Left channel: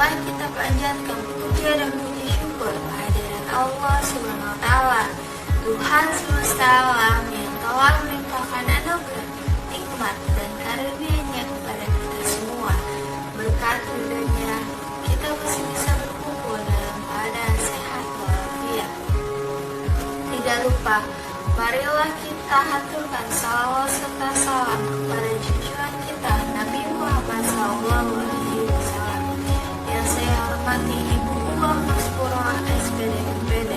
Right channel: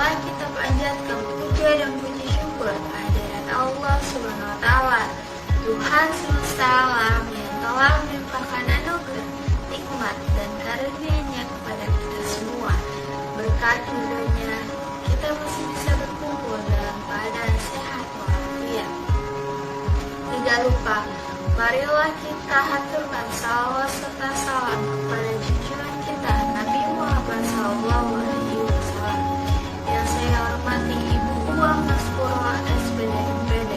Marilah kita panjatkan puja dan puji syukur kehadiran Allah Subhanahu wa Ta'ala, Tuhan semesta alam yang telah melimpahkan anugerah, nikmat dan karunia-Nya kepada kita semua. Berkat ridho-Nya, kita masih bisa berkumpul dalam keadaan sehat walafiat. Tidak lupa, marilah kita haturkan salawat serta salam kepada junjungan kita Nabi Muhammad SAW, yang saya hormati Ibu Uwang Maspuro SPD MPD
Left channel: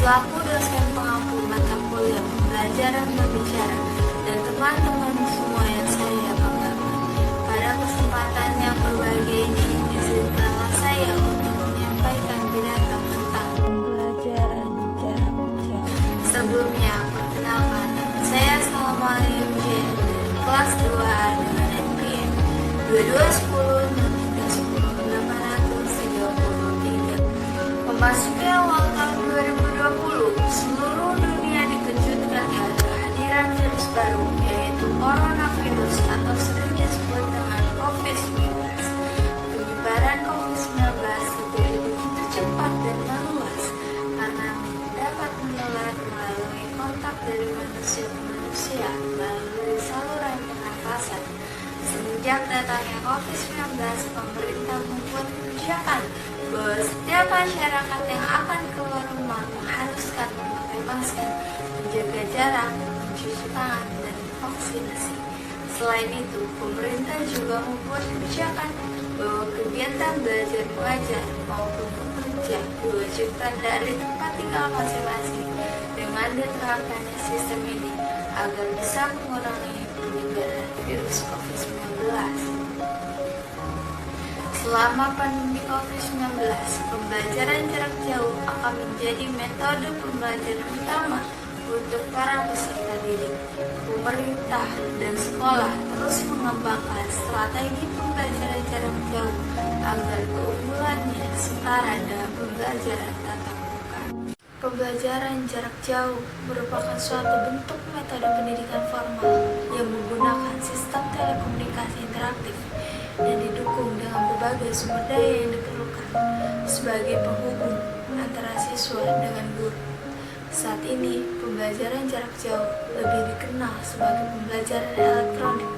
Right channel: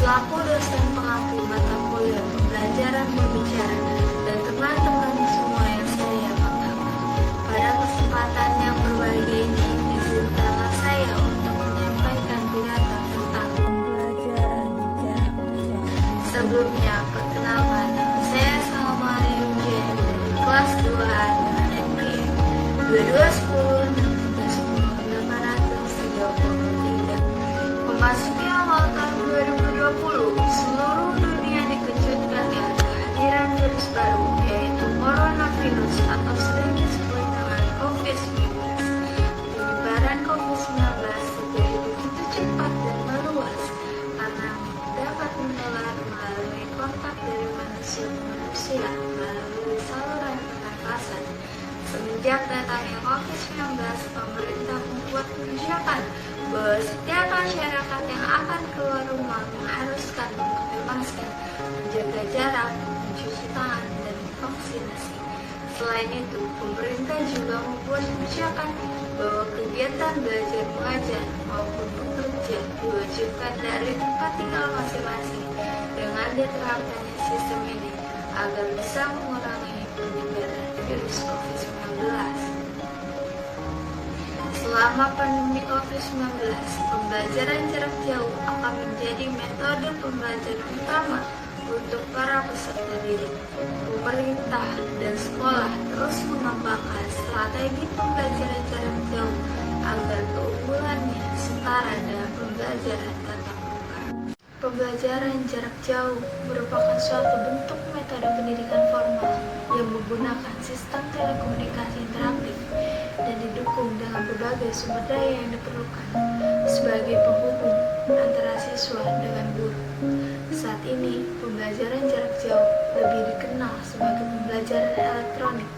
selaku dosen pengampu mata kuliah pembelajaran berbicara, dan teman-teman semua yang saya banggakan. Pada kesempatan yang berbahagia ini, izinkanlah saya untuk menyampaikan pidato tentang pembelajaran jarak jauh. Sebelumnya, perkenalkan, saya Salma Yudhya dari kelas 2A dengan NPM 2210 Memasuki awal tahun 2020, seluruh dunia dikejutkan dengan kehadiran virus baru, yaitu coronavirus atau sering disebut dengan COVID-19. Penyebaran COVID-19 terjadi begitu cepat dan meluas karena dapat menular melalui kontak dari manusia ke manusia melalui saluran pernafasan. Semenjak datangnya COVID-19, pemerintah membuat kebijakan bahwa setiap masyarakat yang akan keluar rumah mengharuskan memakai masker, menjaga jarak, mencuci tangan, dan divaksinasi. Selain itu, pemerintah juga membuat kebijakan bahwa kegiatan belajar mengajar maupun bekerja diwajibkan dari tempat tinggal masing-masing dengan diterapkannya sistem ini agar bisa mengurangi penyebaran virus COVID-19. Selama pandemi COVID-19, pembelajaran jarak jauh akan menjadi metode pembelajaran utama untuk para peserta didik. Pemerintah dan sekolah terus mengembangkan strategi pembelajaran jarak jauh agar keunggulannya setara dengan pembelajaran tatap muka. Pembelajaran jarak jauh merupakan suatu bentuk metode pendidikan formal yang menggunakan sistem telekomunikasi interaktif dan didukung dengan berbagai sumber daya yang diperlukan sebagai penghubung antara siswa dengan guru. Saat ini, pembelajaran jarak jauh lebih dikenal sebagai pembelajaran elektronik,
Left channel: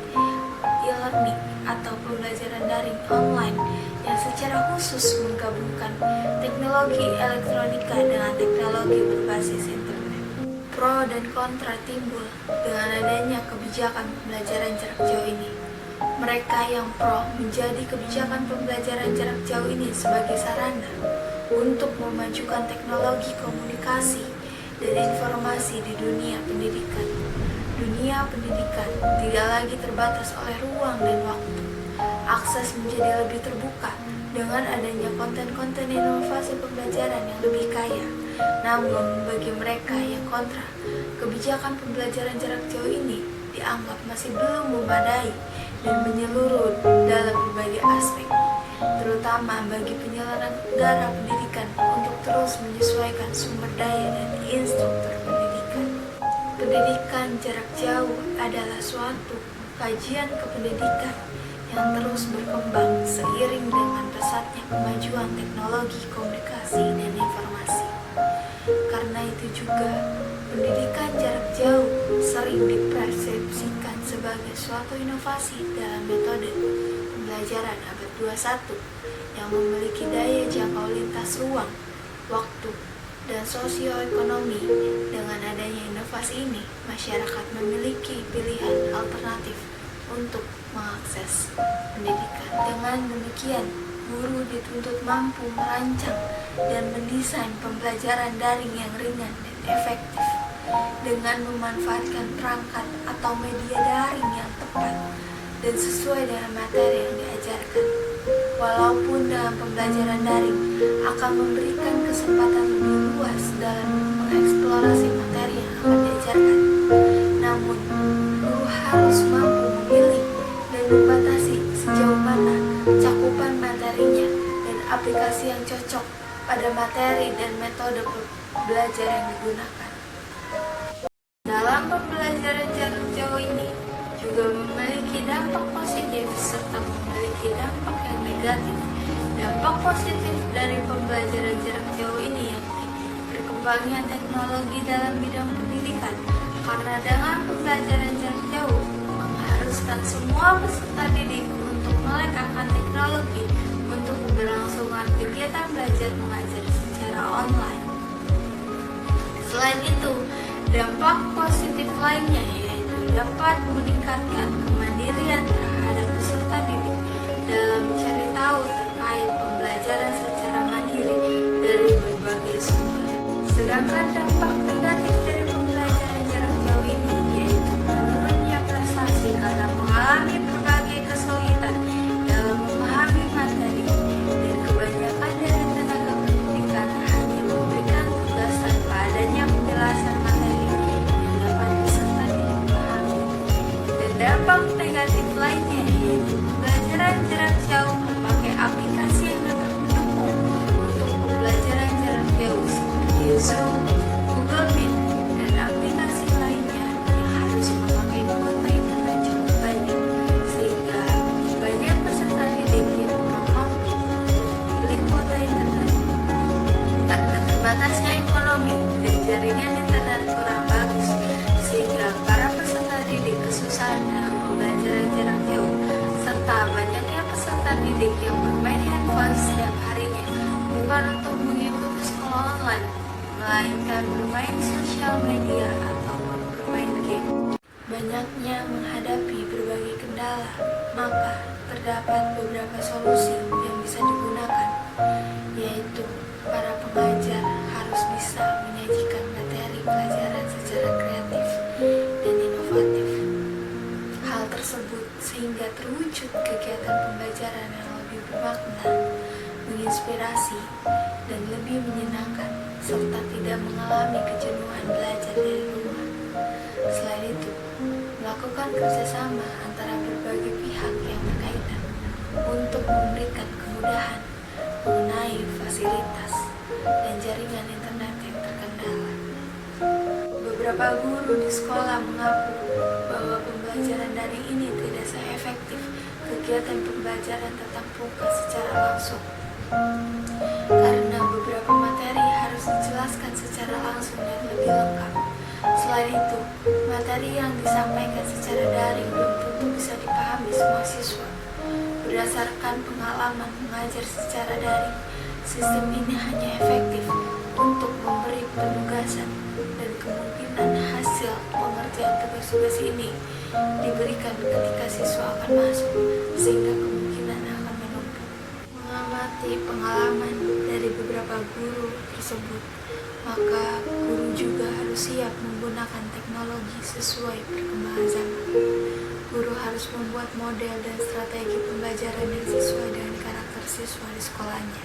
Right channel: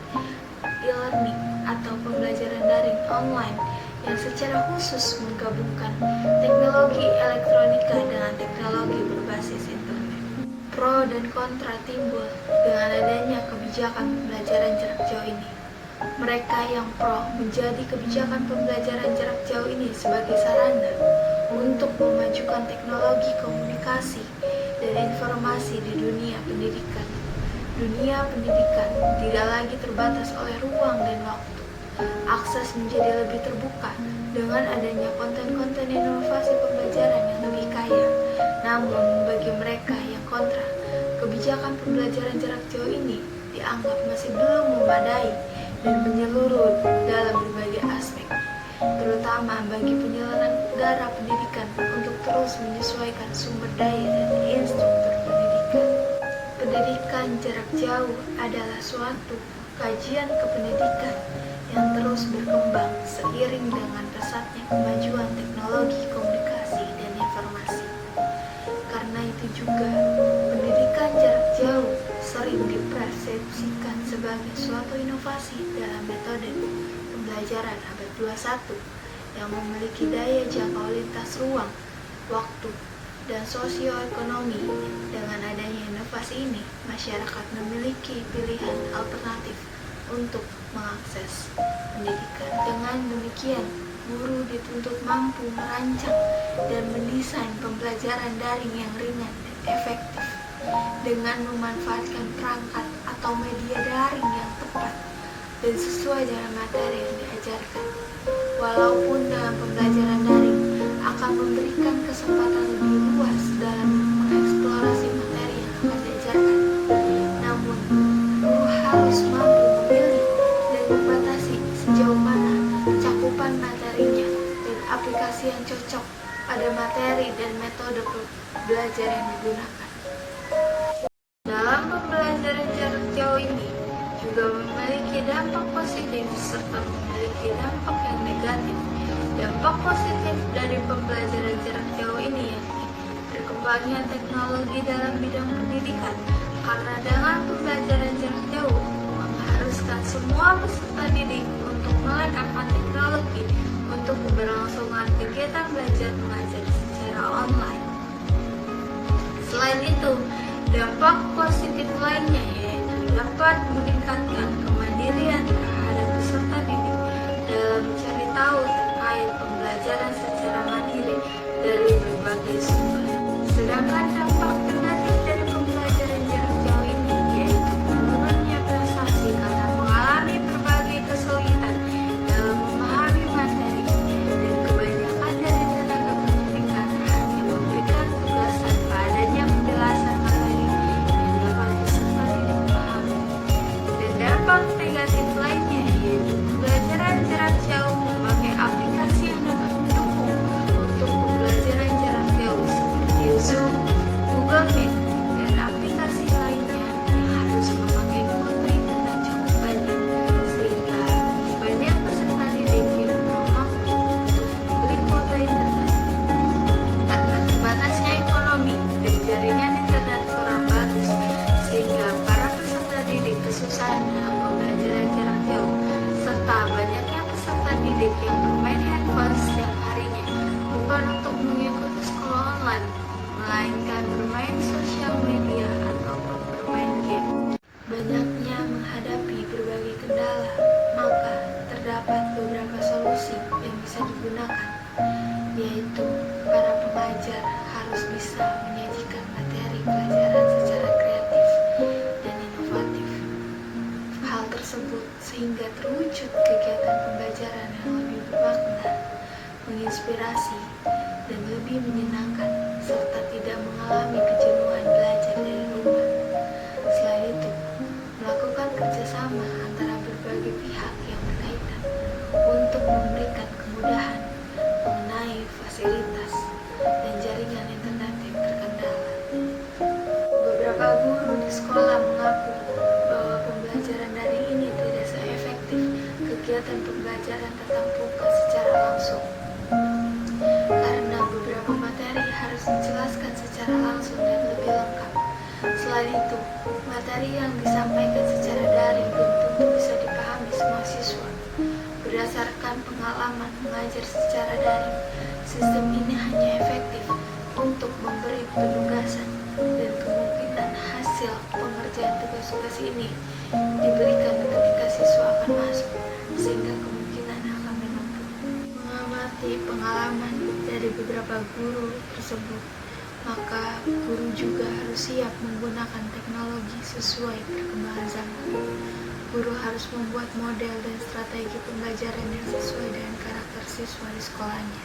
e-learning, atau pembelajaran daring online yang secara khusus menggabungkan teknologi elektronika dengan teknologi berbasis internet. Pro dan kontra timbul dengan adanya kebijakan pembelajaran jarak jauh ini. Mereka yang pro menjadi kebijakan pembelajaran jarak jauh ini sebagai sarana untuk memajukan teknologi komunikasi dan informasi di dunia pendidikan. Dunia pendidikan tidak lagi terbatas oleh ruang dan waktu. Akses menjadi lebih terbuka dengan adanya konten-konten inovasi pembelajaran yang lebih kaya. Namun, bagi mereka yang kontra, kebijakan pembelajaran jarak jauh ini dianggap masih belum memadai dan menyeluruh dalam berbagai aspek, terutama bagi penyelenggara pendidikan untuk terus menyesuaikan sumber daya dan instruktur pendidikan. Pendidikan jarak jauh adalah suatu kajian kependidikan yang terus berkembang seiring dengan pesatnya kemajuan teknologi komunikasi dan informasi. Karena itu juga, pendidikan jarak jauh sering dipersepsikan sebagai suatu inovasi dalam metode pembelajaran abad 21 yang memiliki daya jangkau lintas ruang, waktu, dan sosioekonomi. Dengan adanya inovasi ini, masyarakat memiliki pilihan alternatif untuk mengakses pendidikan. Dengan demikian, guru dituntut mampu merancang dan mendesain pembelajaran daring yang ringan dan efektif dengan memanfaatkan perangkat atau media daring yang tepat dan sesuai dengan materi yang diajarkan. Walaupun dalam pembelajaran daring akan memberikan kesempatan lebih luas dalam mengeksplorasi materi yang akan diajarkan, namun guru harus mampu memilih dan membatasi sejauh mana cakupan materinya dan aplikasi yang cocok pada materi dan metode belajar yang digunakan. Dalam pembelajaran jarak jauh ini juga memiliki dampak positif serta memiliki dampak yang negatif. Dampak positif dari pembelajaran jarak jauh ini yakni berkembangnya teknologi dalam bidang pendidikan, karena dengan pembelajaran jarak jauh mengharuskan semua peserta didik untuk melengkapi teknologi untuk keberlangsungan kegiatan belajar mengajar secara online. Selain itu, dampak positif lainnya yaitu dapat meningkatkan kemandirian terhadap peserta didik dalam mencari tahu terkait pembelajaran secara mandiri dari berbagai sumber. Sedangkan dampak negatif dari pembelajaran jarak jauh ini yaitu menurunnya prestasi karena mengalami berbagai kesulitan dalam memahami materi, dan kebanyakan dari tenaga pendidikan hanya memberikan tugas tanpa adanya penjelasan materi yang dapat peserta didik pahami. Dan dampak negatif lainnya yaitu pembelajaran jarak jauh memakai aplikasi yang dapat mendukung untuk pembelajaran jarak jauh seperti Zoom, Google Meet, dan aplikasi lainnya yang harus memakai kuota internet cukup banyak, sehingga banyak peserta didik yang kurang mampu untuk membeli kuota internet. Karena terbatasnya ekonomi dan jaringan internet kurang bagus, sehingga para peserta didik kesusahan dalam pembelajaran jarak jauh, serta banyaknya peserta didik yang bermain handphone setiap harinya bukan untuk mengikuti sekolah online, melainkan bermain sosial media ataupun bermain game. Banyaknya menghadapi berbagai kendala, maka terdapat beberapa solusi yang bisa digunakan, yaitu para pengajar harus bisa menyajikan materi pelajaran secara kreatif dan inovatif. Hal tersebut sehingga terwujud kegiatan pembelajaran yang lebih bermakna, menginspirasi, dan lebih menyenangkan, serta tidak mengalami kejenuhan belajar dari rumah. Selain itu, melakukan kerjasama antara berbagai pihak yang berkaitan untuk memberikan kemudahan mengenai fasilitas dan jaringan internet yang terkendala. Beberapa guru di sekolah mengaku bahwa pembelajaran daring ini tidak seefektif kegiatan pembelajaran tatap muka secara langsung, karena beberapa materi harus dijelaskan secara langsung dan lebih lengkap. Selain itu, materi yang disampaikan secara daring belum tentu bisa dipahami semua siswa. Berdasarkan pengalaman mengajar secara daring, sistem ini hanya efektif untuk memberi penugasan, dan kemungkinan hasil pengerjaan tugas-tugas ini diberikan ketika siswa akan masuk, sehingga kemungkinan akan menumpuk. Mengamati pengalaman dari beberapa guru tersebut, maka guru juga harus siap menggunakan teknologi sesuai perkembangan zaman. Guru harus membuat model dan strategi pembelajaran yang sesuai dengan karakter siswa di sekolahnya.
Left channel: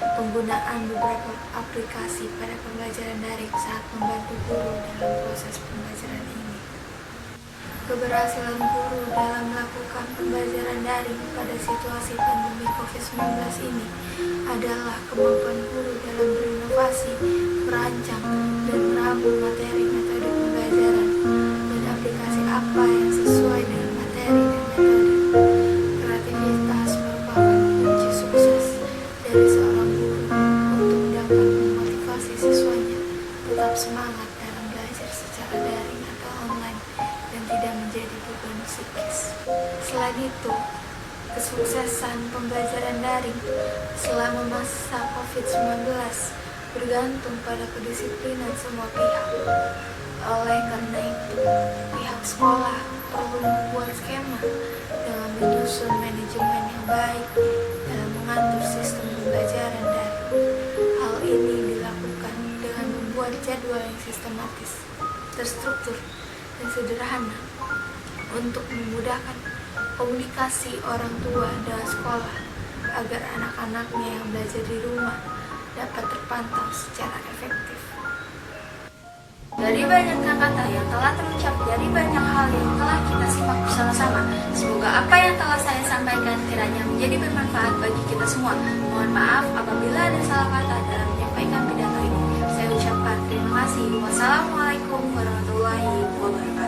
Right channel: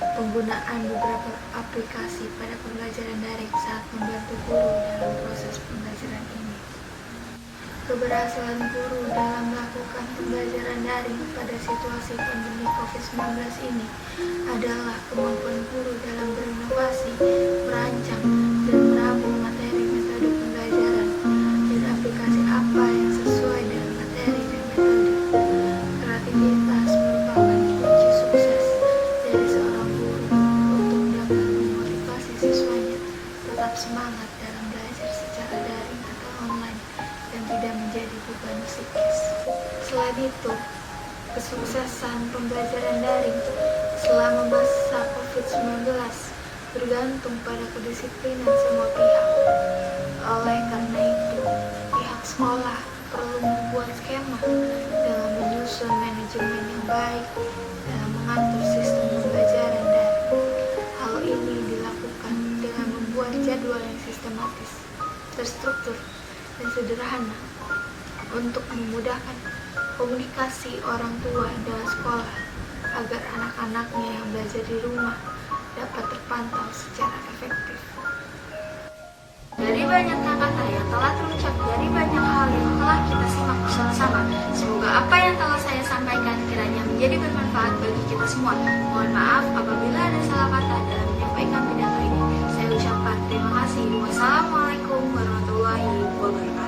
Penggunaan beberapa aplikasi pada pembelajaran daring sangat membantu guru dalam proses pembelajaran ini. Keberhasilan guru dalam melakukan pembelajaran daring pada situasi pandemi COVID-19 ini adalah kemampuan guru dalam berinovasi, merancang, dan merabung materi metode pembelajaran dan aplikasi apa yang sesuai dengan materi dan metode. Kreativitas merupakan kunci sukses dari seorang guru untuk dapat memotivasi siswanya tetap semangat dalam belajar secara daring atau online dan tidak menjadi beban psikis. Selain itu, kesuksesan pembelajaran daring selama masa COVID-19 bergantung pada kedisiplinan semua pihak. Oleh karena itu, pihak sekolah perlu membuat skema dengan menyusun manajemen yang baik dalam mengatur sistem pembelajaran daring. Hal ini dilakukan dengan membuat jadwal yang sistematis, terstruktur, dan sederhana untuk memudahkan komunikasi orang tua dengan sekolah agar anak-anaknya yang belajar di rumah dapat terpantau secara efektif. Dari banyak kata yang telah terucap, dari banyak hal yang telah kita simak bersama-sama, semoga apa yang telah saya sampaikan kiranya menjadi bermanfaat bagi kita semua. Mohon maaf apabila ada salah kata dalam menyampaikan pidato ini. Saya ucapkan terima kasih. Wassalamualaikum warahmatullahi wabarakatuh.